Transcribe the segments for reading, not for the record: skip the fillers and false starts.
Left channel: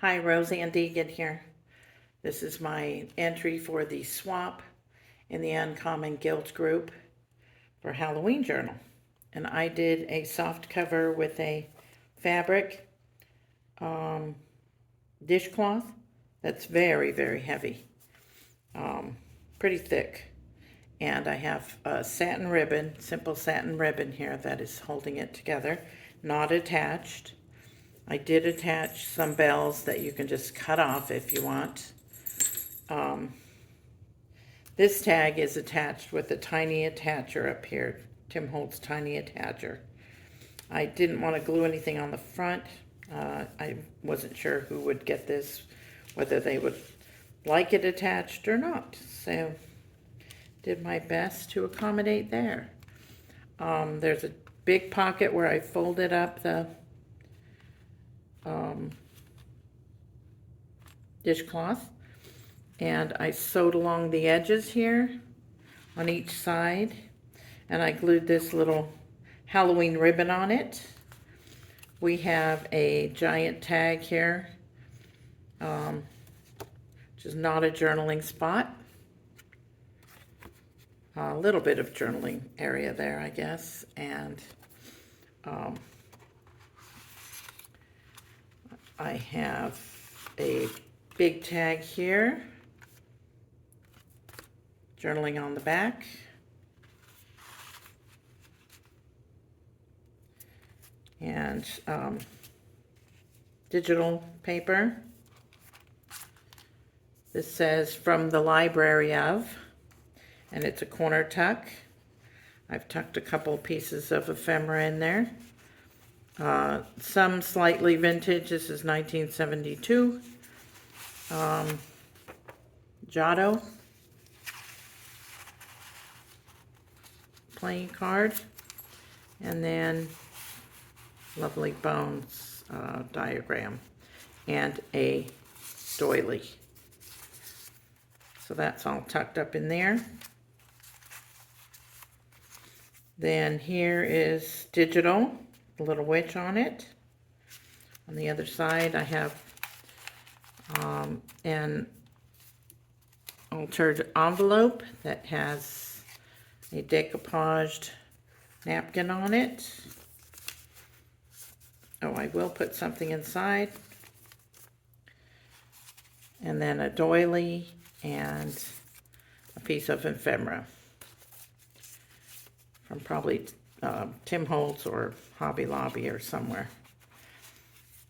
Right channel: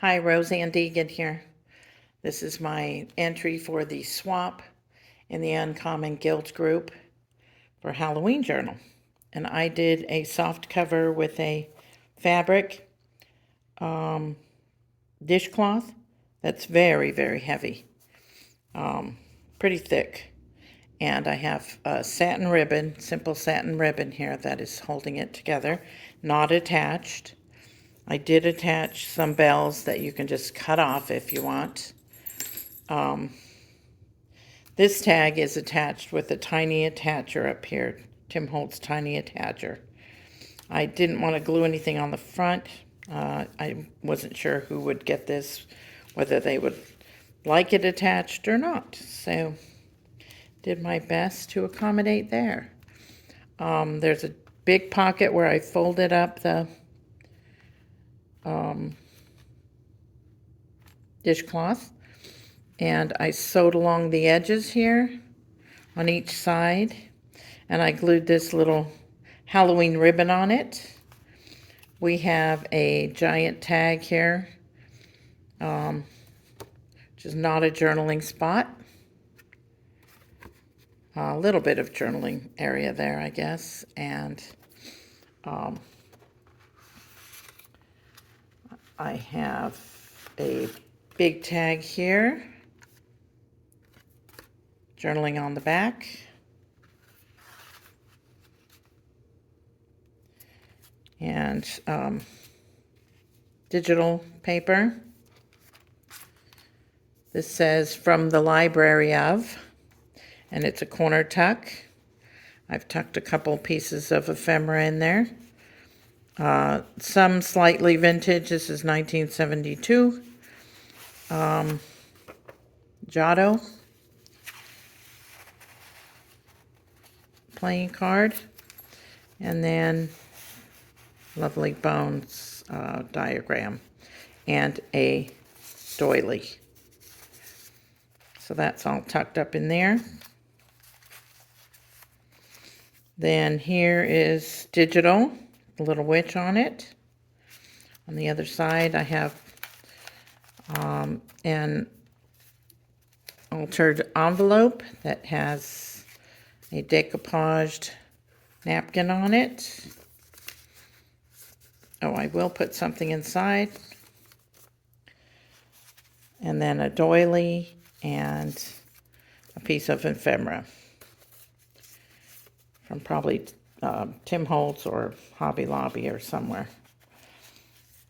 Hi, Roseanne Deegan here. This is my entry for the swap in the Uncommon Guilt group for Halloween Journal. And I did a soft cover with a fabric dishcloth that's very, very heavy, pretty thick. And I have a satin ribbon, simple satin ribbon here that is holding it together, not attached. I did attach some bells that you can just cut off if you want. This tag is attached with a tiny attacher up here, Tim Holtz tiny attacher. I didn't want to glue anything on the front. I wasn't sure who would get this, whether they would like it attached or not. So did my best to accommodate there. There's a big pocket where I folded up the dishcloth, and I sewed along the edges here on each side, and I glued this little Halloween ribbon on it. We have a giant tag here, which is not a journaling spot. A little bit of journaling area there, I guess, and I have a big tag here, journaling on the back. And digital paper. This says from the library of, and it's a corner tuck. I've tucked a couple pieces of ephemera in there. Some slightly vintage. This is 1972. Giotto playing card. And then Lovely Bones diagram and a doily. So that's all tucked up in there. Then here is digital, a little witch on it. On the other side I have an altered envelope that has a decoupaged napkin on it. Oh, I will put something inside. And then a doily and a piece of ephemera from probably Tim Holtz or Hobby Lobby or somewhere.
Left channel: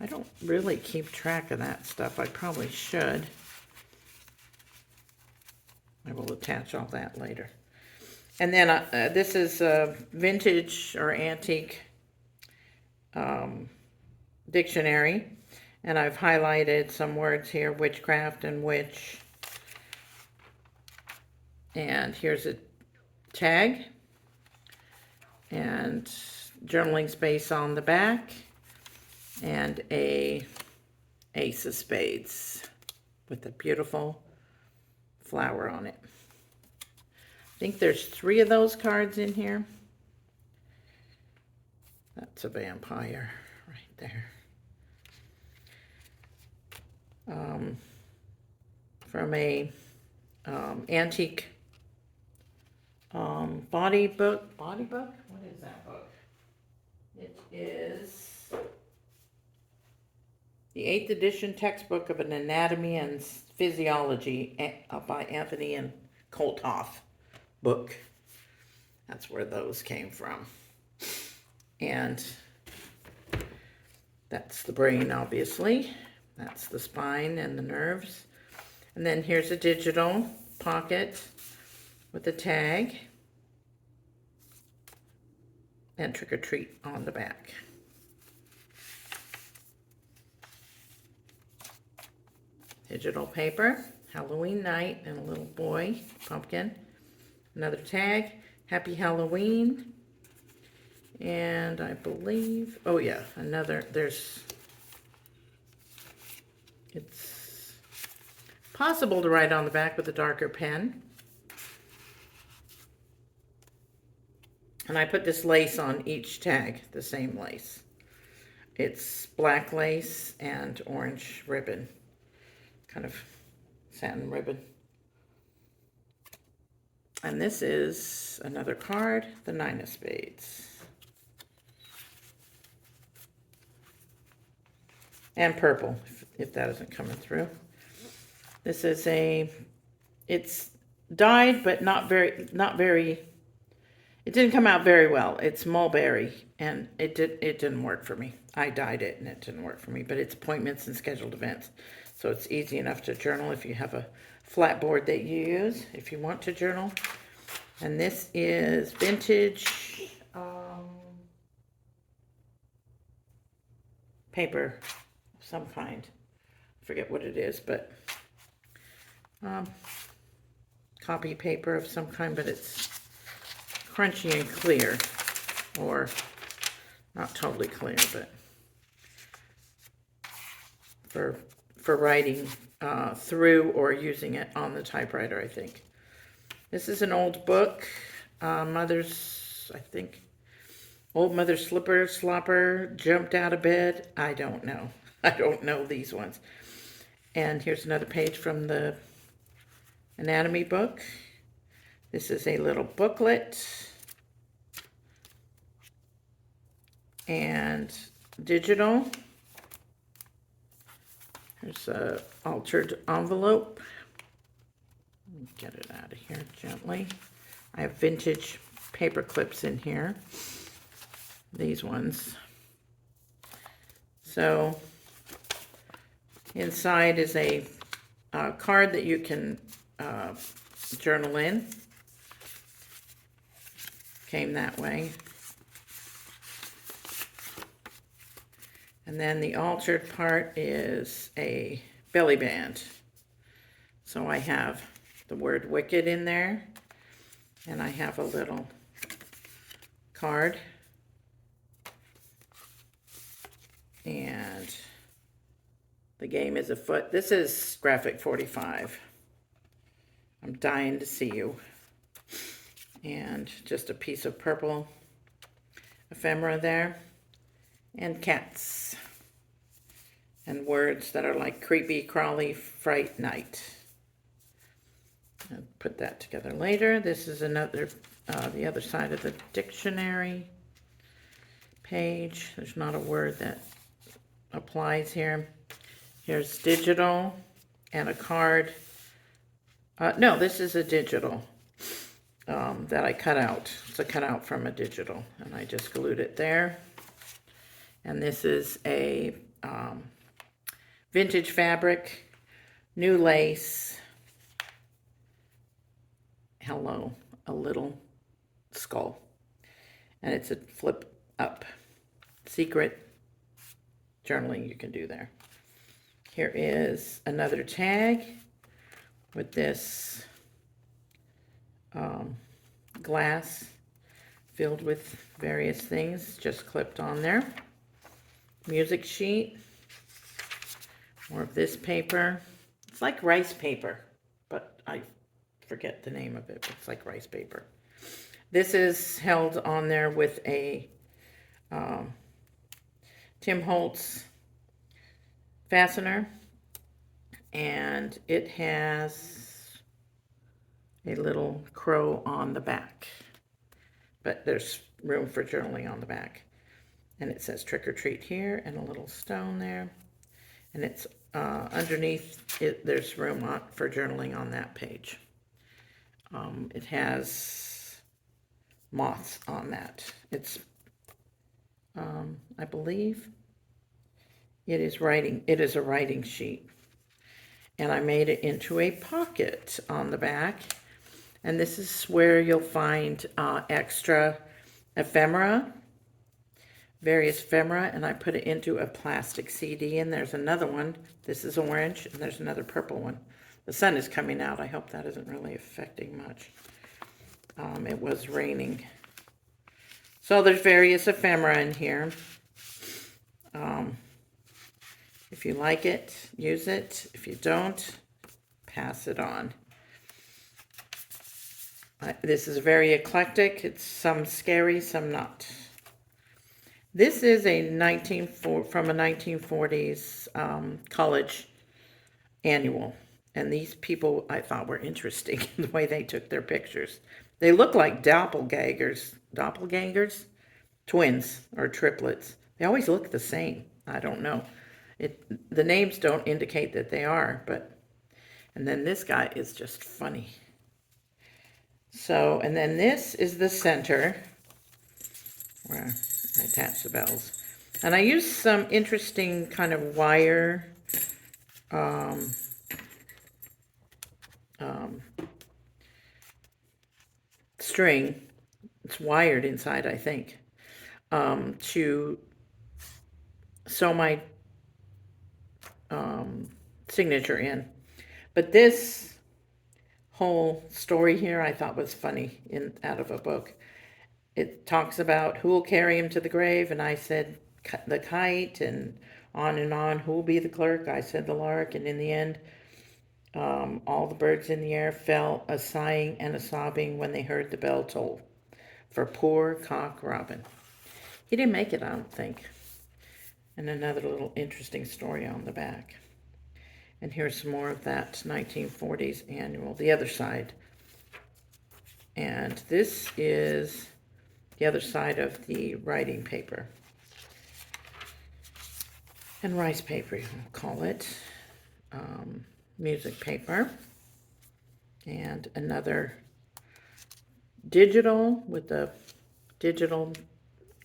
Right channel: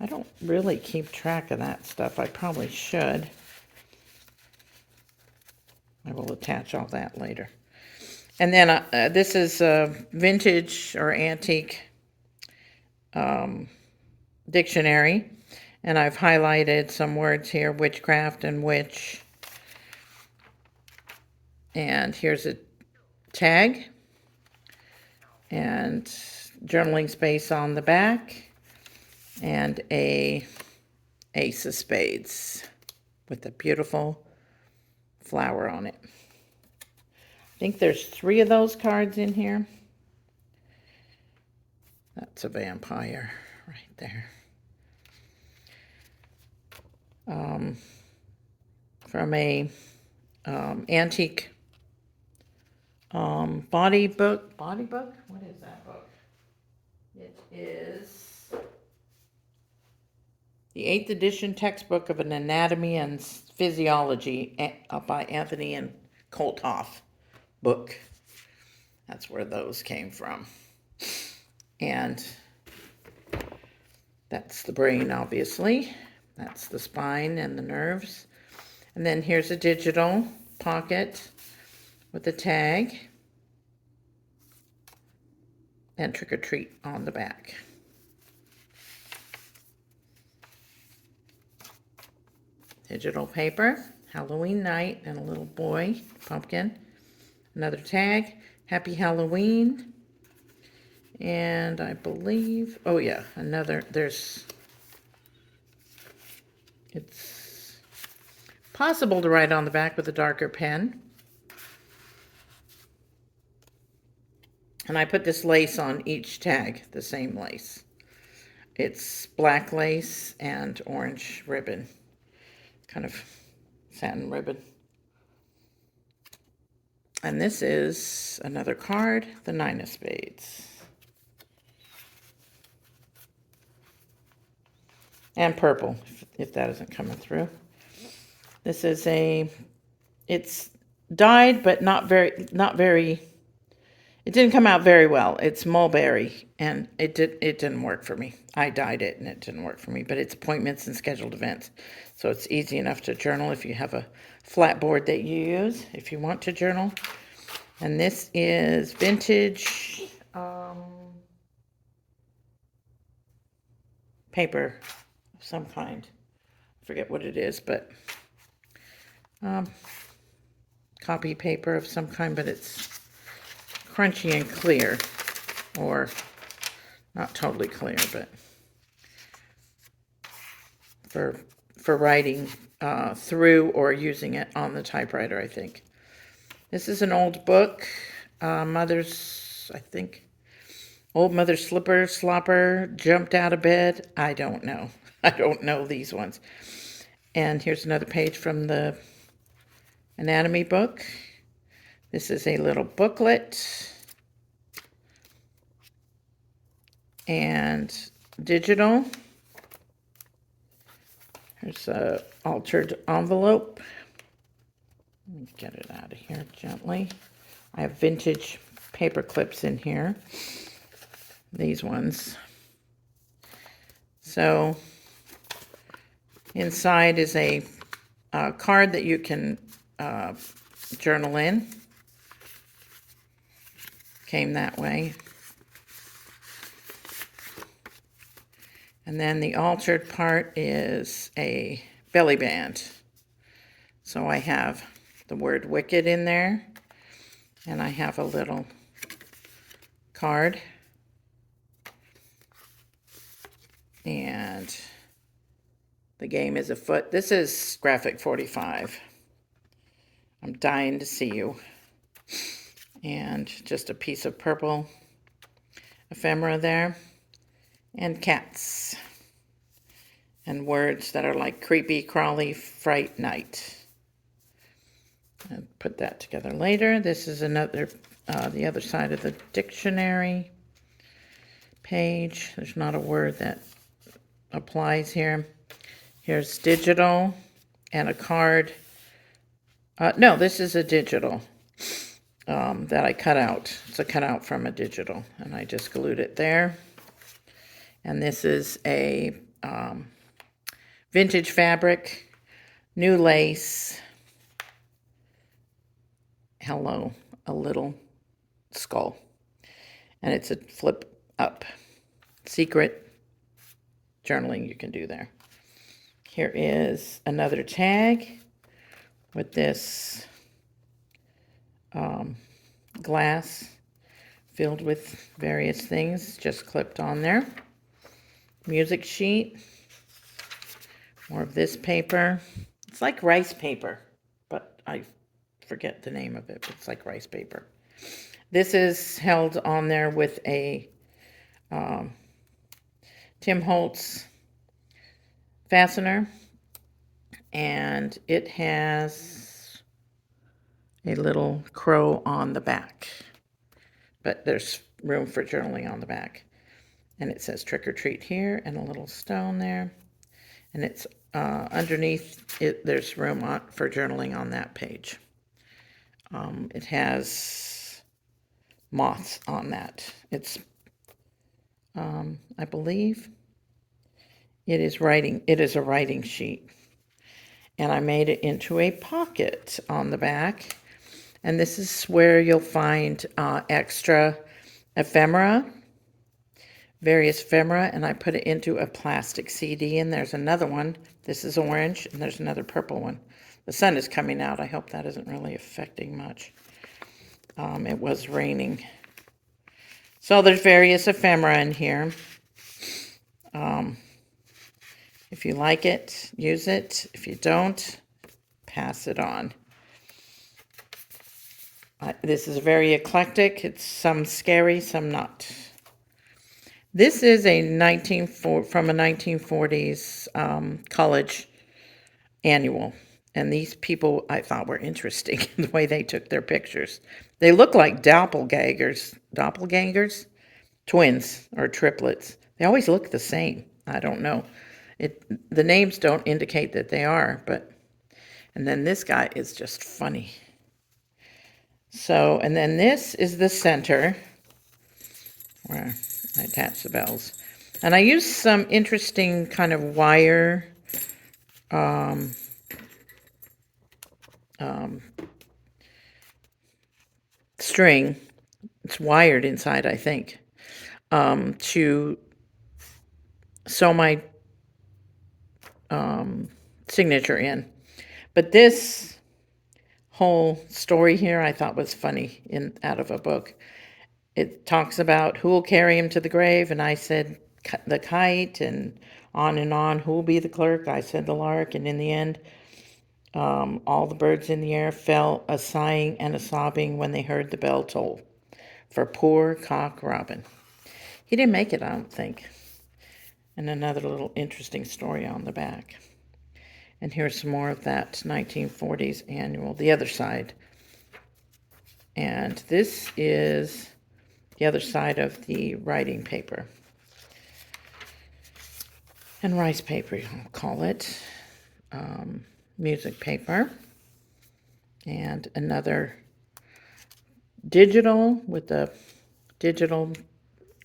I don't really keep track of that stuff. I probably should. I will attach all that later. And then this is a vintage or antique dictionary, and I've highlighted some words here, witchcraft and witch. And here's a tag and journaling space on the back, and a ace of spades with a beautiful flower on it. I think there's 3 of those cards in here. That's a vampire right there. From a antique body book. What is that book? It is the 8th edition textbook of an anatomy and physiology by Anthony and Kolthoff book. That's where those came from. And that's the brain, obviously. That's the spine and the nerves. And then here's a digital pocket with a tag and trick or treat on the back. Digital paper, Halloween night, and a little boy, pumpkin. Another tag, Happy Halloween. And I believe, oh yeah, another, it's possible to write on the back with a darker pen. And I put this lace on each tag, the same lace. It's black lace and orange ribbon, kind of satin ribbon. And this is another card, the Nine of Spades. And purple, if that isn't coming through. This is it's dyed, but not very, it didn't come out very well. It's mulberry, and it didn't work for me. I dyed it, and it didn't work for me, but it's appointments and scheduled events. So it's easy enough to journal if you have a flat board that you use, if you want to journal. And this is vintage paper of some kind. I forget what it is, but copy paper of some kind, but it's crunchy and clear, or not totally clear, but for writing through or using it on the typewriter, I think. This is an old book, Mother's, I think, Old Mother Slopper jumped out of bed. I don't know. I don't know these ones. And here's another page from the anatomy book. This is a little booklet. And digital. There's a altered envelope. Let me get it out of here gently. I have vintage paper clips in here. These ones. So inside is a card that you can journal in. Came that way. And then the altered part is a belly band. So I have the word wicked in there, and I have a little card. And the game is afoot. This is graphic 45. I'm dying to see you. And just a piece of purple ephemera there. And cats. And words that are like creepy, crawly, fright, night. I'll put that together later. This is another, the other side of the dictionary page. There's not a word that applies here. Here's digital and a card. No, this is a digital that I cut out. It's a cutout from a digital, and I just glued it there. And this is a vintage fabric, new lace. Hello, a little skull. And it's a flip up. Secret journaling you can do there. Here is another tag with this glass filled with various things just clipped on there. Music sheet. More of this paper. It's like rice paper, but I forget the name of it. It's like rice paper. This is held on there with a Tim Holtz fastener, and it has a little crow on the back, but there's room for journaling on the back. And it says trick or treat here, and a little stone there. And it's underneath it, there's room for journaling on that page. It has moths on that. It's, I believe, it is a writing sheet. And I made it into a pocket on the back. And this is where you'll find extra ephemera, various ephemera, and I put it into a plastic CD, and there's another one. This is orange, and there's another purple one. The sun is coming out. I hope that isn't really affecting much. It was raining. So there's various ephemera in here. If you like it, use it. If you don't, pass it on. This is very eclectic. It's some scary, some not. This is a from a 1940s college annual. And these people I thought were interesting the way they took their pictures. They look like doppelgangers, twins or triplets. They always look the same. I don't know. The names don't indicate that they are, but and then this guy is just funny. So, and then this is the center where I attach the bells. And I use some interesting kind of wire string. It's wired inside, I think, to sew my signature in. But this whole story here I thought was funny out of a book. It talks about who will carry him to the grave, and I said the kite, and on, who will be the clerk? I said the lark, and in the end, all the birds in the air fell a sighing and a sobbing when they heard the bell toll for poor Cock Robin. He didn't make it, I don't think. And another little interesting story on the back. And here's some more of that 1940s annual, the other side. And this is the other side of the writing paper. And rice paper, I'll call it. Music paper. And another digital with the digital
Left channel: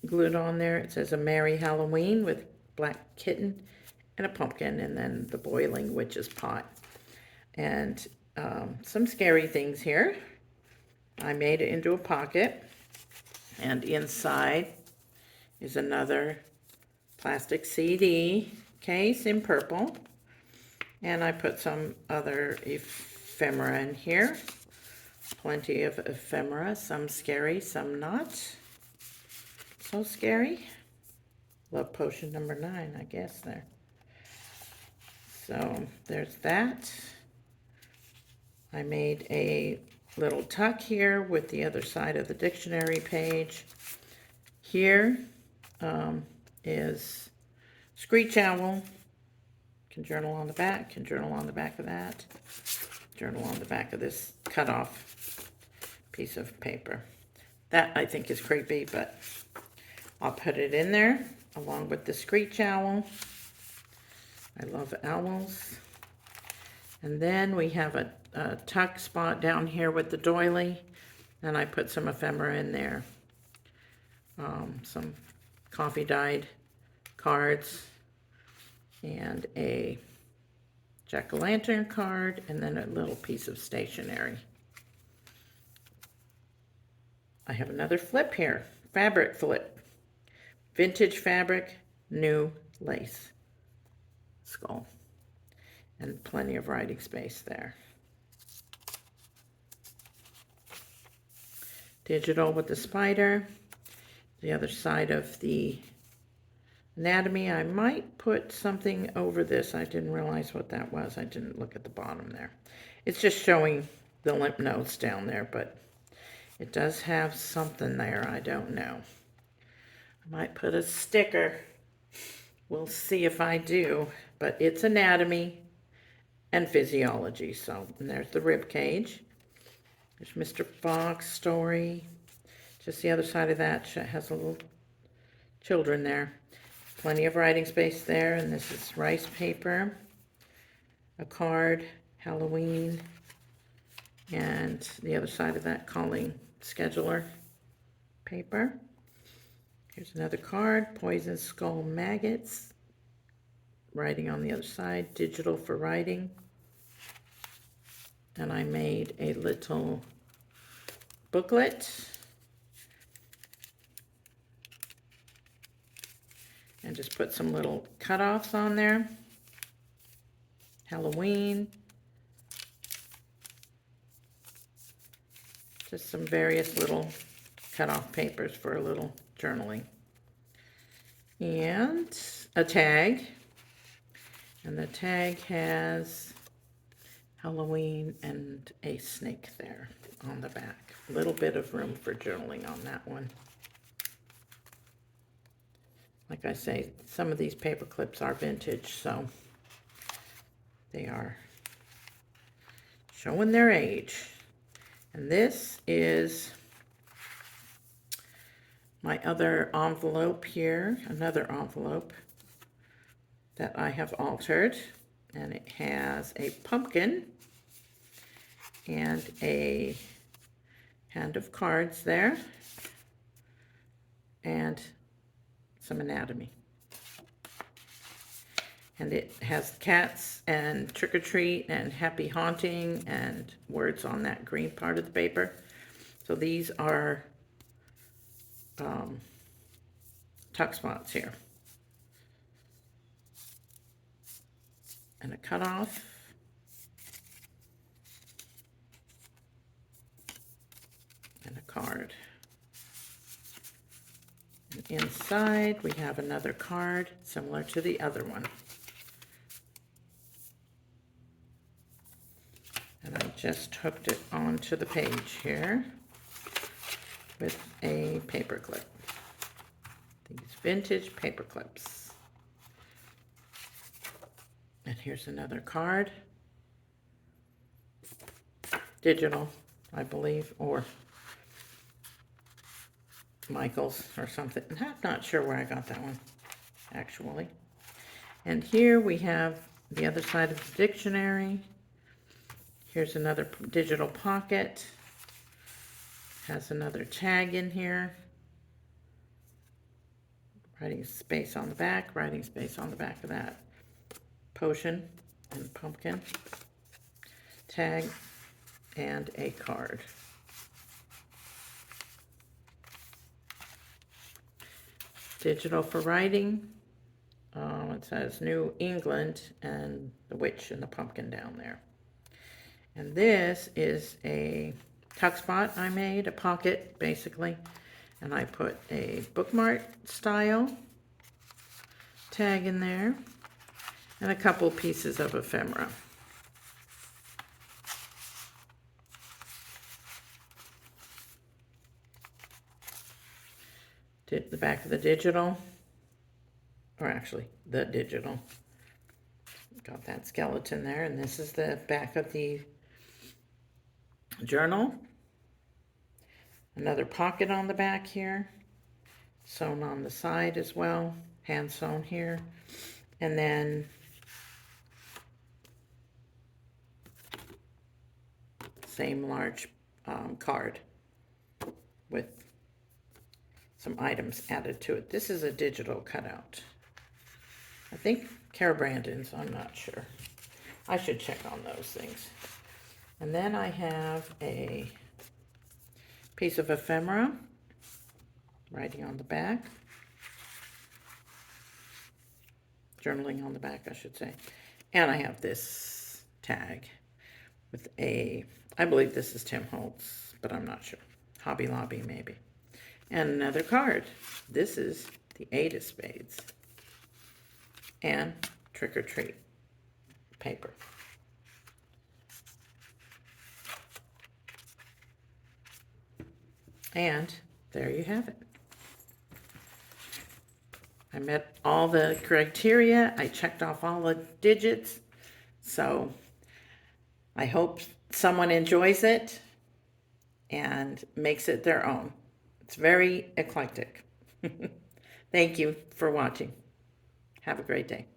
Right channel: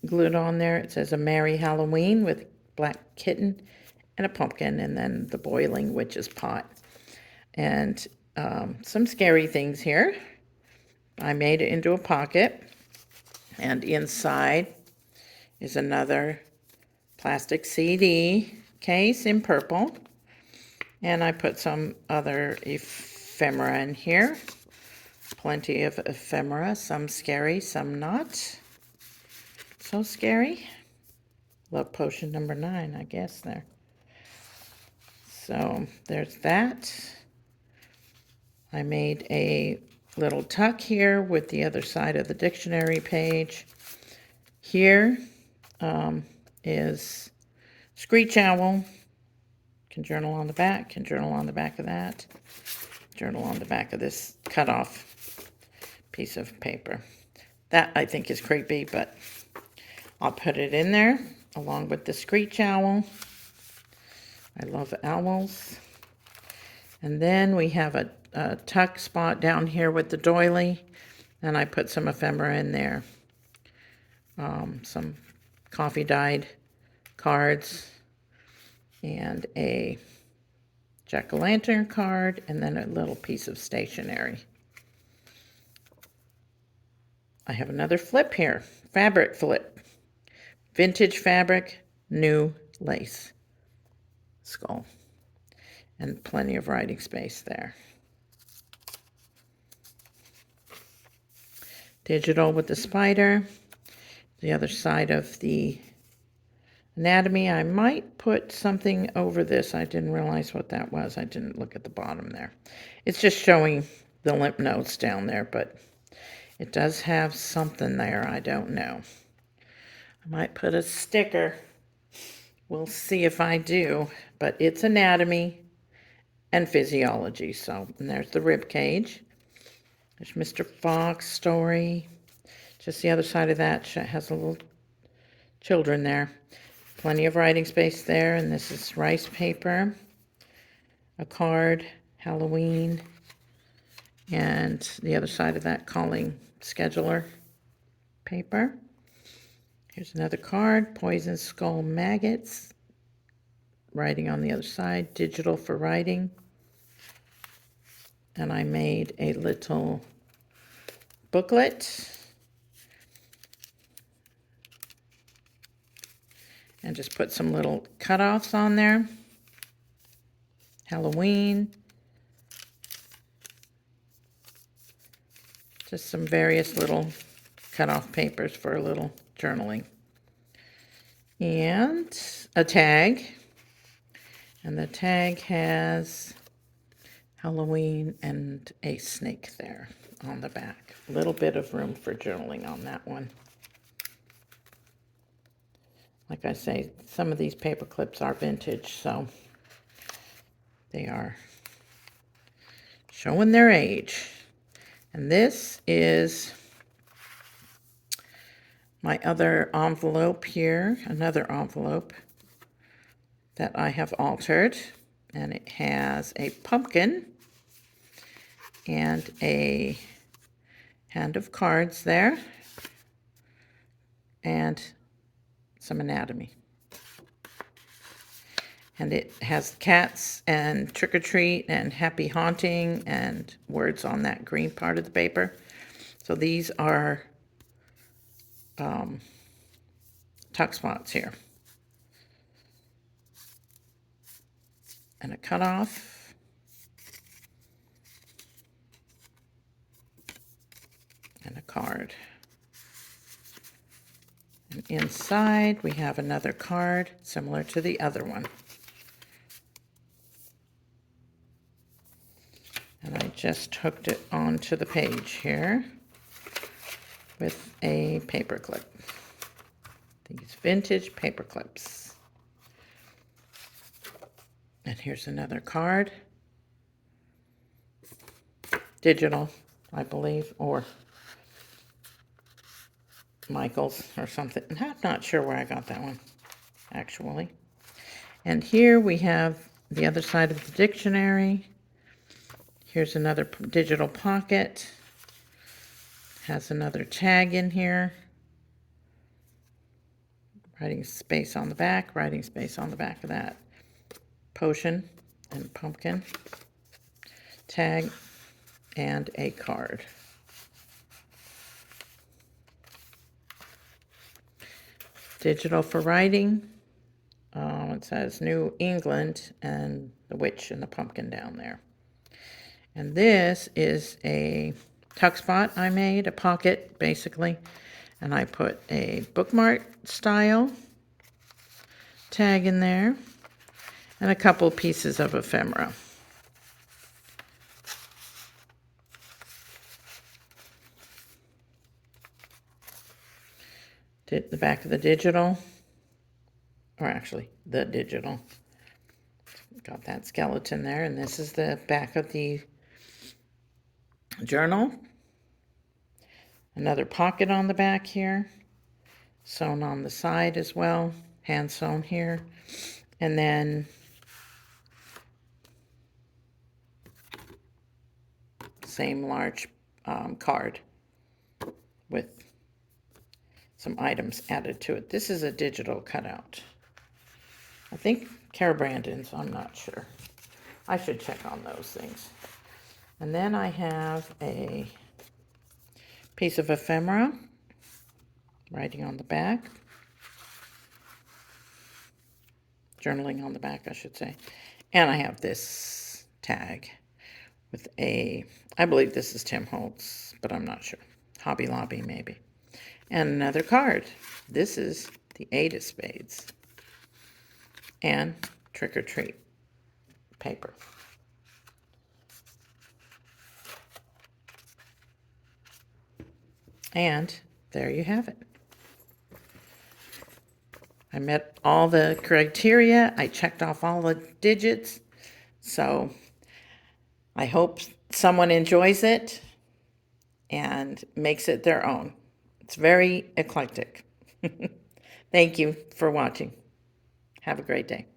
glued on there. It says a Merry Halloween with black kitten and a pumpkin, and then the boiling witch's pot. And some scary things here. I made it into a pocket, and inside is another plastic CD case in purple, and I put some other ephemera in here. Plenty of ephemera, some scary, some not so scary. Love potion number 9, I guess there. So there's that. I made a little tuck here with the other side of the dictionary page. Here is Screech Owl. Can journal on the back, can journal on the back of that. Journal on the back of this cut off piece of paper. That I think is creepy, but I'll put it in there along with the Screech Owl. I love owls. And then we have a tuck spot down here with the doily, and I put some ephemera in there. Some coffee dyed cards and a jack-o'-lantern card, and then a little piece of stationery. I have another flip here, fabric flip. Vintage fabric, new lace. Skull. And plenty of writing space there. Digital with the spider. The other side of the anatomy. I might put something over this. I didn't realize what that was. I didn't look at the bottom there. It's just showing the lymph nodes down there, but it does have something there. I don't know. I might put a sticker. We'll see if I do, but it's anatomy and physiology. So, and there's the rib cage. There's Mr. Fox story. Just the other side of that has a little children there. Plenty of writing space there, and this is rice paper, a card, Halloween, and the other side of that calling scheduler paper. Here's another card, poison skull maggots, writing on the other side, digital for writing. And I made a little booklet and just put some little cutoffs on there. Halloween. Just some various little cutoff papers for a little journaling. And a tag. And the tag has Halloween and a snake there on the back. A little bit of room for journaling on that one. like I say, some of these paper clips are vintage, so they are showing their age. And this is my other envelope here, another envelope that I have altered. And it has a pumpkin and a hand of cards there and some anatomy. And it has cats and trick or treat and happy haunting and words on that green part of the paper. So these are tuck spots here. And a cutoff. And a card. And inside we have another card similar to the other one. And I just hooked it onto the page here with a paper clip. These vintage paper clips. And here's another card. Digital, I believe, or Michael's or something. I'm not sure where I got that one, actually. And here we have the other side of the dictionary. Here's another digital pocket. Has another tag in here. Writing space on the back, writing space on the back of that. Potion and pumpkin. Tag and a card. Digital for writing. It says New England and the witch and the pumpkin down there. And this is a tuck spot I made, a pocket basically. And I put a bookmark style tag in there and a couple pieces of ephemera. Did the back of the digital, or actually the digital. Got that skeleton there, and this is the back of the journal. Another pocket on the back here, sewn on the side as well, hand sewn here. And then same large card with some items added to it. This is a digital cutout. I think Cara Brandon's, I'm not sure. I should check on those things. And then I have a piece of ephemera, writing on the back. Journaling on the back, I should say. And I have this tag with a, I believe this is Tim Holtz, but I'm not sure. Hobby Lobby, maybe. And another card. This is the 8 of spades. And trick or treat paper. And there you have it. I met all the criteria. I checked off all the digits. So I hope someone enjoys it and makes it their own. It's very eclectic. Thank you for watching. Have a great day.